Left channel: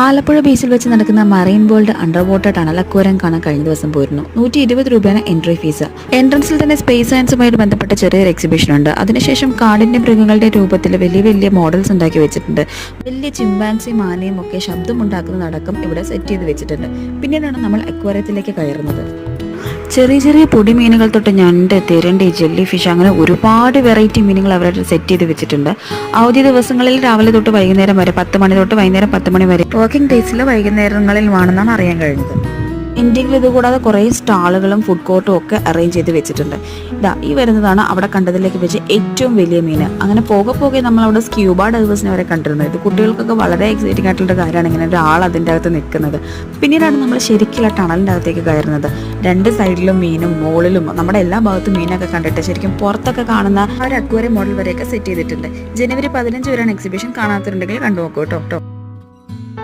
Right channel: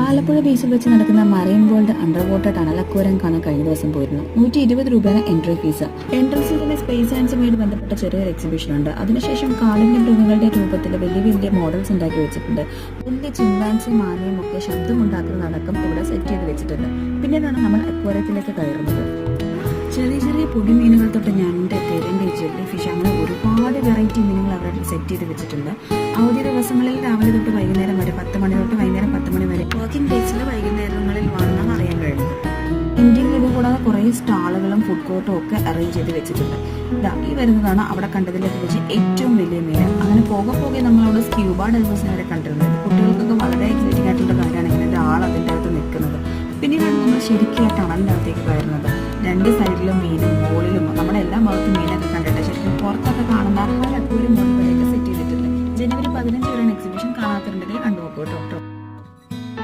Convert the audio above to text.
ആലപ്പുഴ ബീച്ചിൽ വെച്ച് നടക്കുന്ന marine world under water tunnel aquarium കാണാൻ കഴിഞ്ഞ ദിവസം പോയിരുന്നു. 120 രൂപയാണ് എൻട്രി ഫീസ്. എൻട്രൻസിൽ തന്നെ സ്പേസ് സയൻസുമായിട്ട് ബന്ധപ്പെട്ട ചെറിയൊരു എക്സിബിഷൻ ഉണ്ട്. അതിനുശേഷം കാടിന്റെ മൃഗങ്ങളുടെ രൂപത്തിൽ വലിയ വലിയ മോഡൽസ് ഉണ്ടാക്കി വെച്ചിട്ടുണ്ട്. വലിയ ചിമ്പാൻസിയും ആനയും ഒക്കെ ശബ്ദമുണ്ടാക്കുന്നതടക്കം ഇവിടെ സെറ്റ് ചെയ്ത് വെച്ചിട്ടുണ്ട്. പിന്നീടാണ് നമ്മൾ അക്വേറിയത്തിലേക്ക് കയറുന്നത്. ചെറിയ ചെറിയ പൊടി മീനുകൾ തൊട്ട് ഞണ്ട്, തിരണ്ടി, ജെല്ലി ഫിഷ് അങ്ങനെ ഒരുപാട് വെറൈറ്റി മീനുകൾ അവരുടെ സെറ്റ് ചെയ്ത് വെച്ചിട്ടുണ്ട്. അവധി ദിവസങ്ങളിൽ രാവിലെ തൊട്ട് വൈകുന്നേരം വരെ 10 മണി തൊട്ട് വൈകുന്നേരം 10 മണി വരെ, വർക്കിംഗ് ഡേയ്സിൽ വൈകുന്നേരങ്ങളിൽ വേണമെന്നാണ് അറിയാൻ കഴിഞ്ഞത്. ഇന്ത്യയിൽ ഇതുകൂടാതെ കുറേ സ്റ്റാളുകളും ഫുഡ് കോർട്ടും ഒക്കെ അറേഞ്ച് ചെയ്ത് വെച്ചിട്ടുണ്ട്. ഈ വരുന്നതാണ് അവിടെ കണ്ടതിലേക്ക് വെച്ച് ഏറ്റവും വലിയ മീൻ. അങ്ങനെ പോകെ നമ്മൾ അവിടെ സ്ക്യൂബ ഡൈവേഴ്സിനെ വരെ കണ്ടിരുന്നത്. ഇത് കുട്ടികൾക്കൊക്കെ വളരെ എക്സൈറ്റിംഗ് ആയിട്ടുള്ള കാര്യമാണ്, ഇങ്ങനെ ഒരാൾ അതിൻ്റെ അകത്ത് നിൽക്കുന്നത്. പിന്നീടാണ് നമ്മൾ ശരിക്കുള്ള ടണലിൻ്റെ അകത്തേക്ക് കയറുന്നത്. രണ്ട് സൈഡിലും മീനും മുകളിലും നമ്മുടെ എല്ലാ ഭാഗത്തും മീനൊക്കെ കണ്ടിട്ട് ശരിക്കും പുറത്തൊക്കെ കാണുന്ന ഒരു അക്വേറിയം മോഡൽ വരെയൊക്കെ സെറ്റ് ചെയ്തിട്ടുണ്ട്. ജനുവരി 15 വരെയാണ് എക്സിബിഷൻ. കാണാത്തവരുണ്ടെങ്കിൽ കണ്ടു നോക്കൂ കേട്ടോ.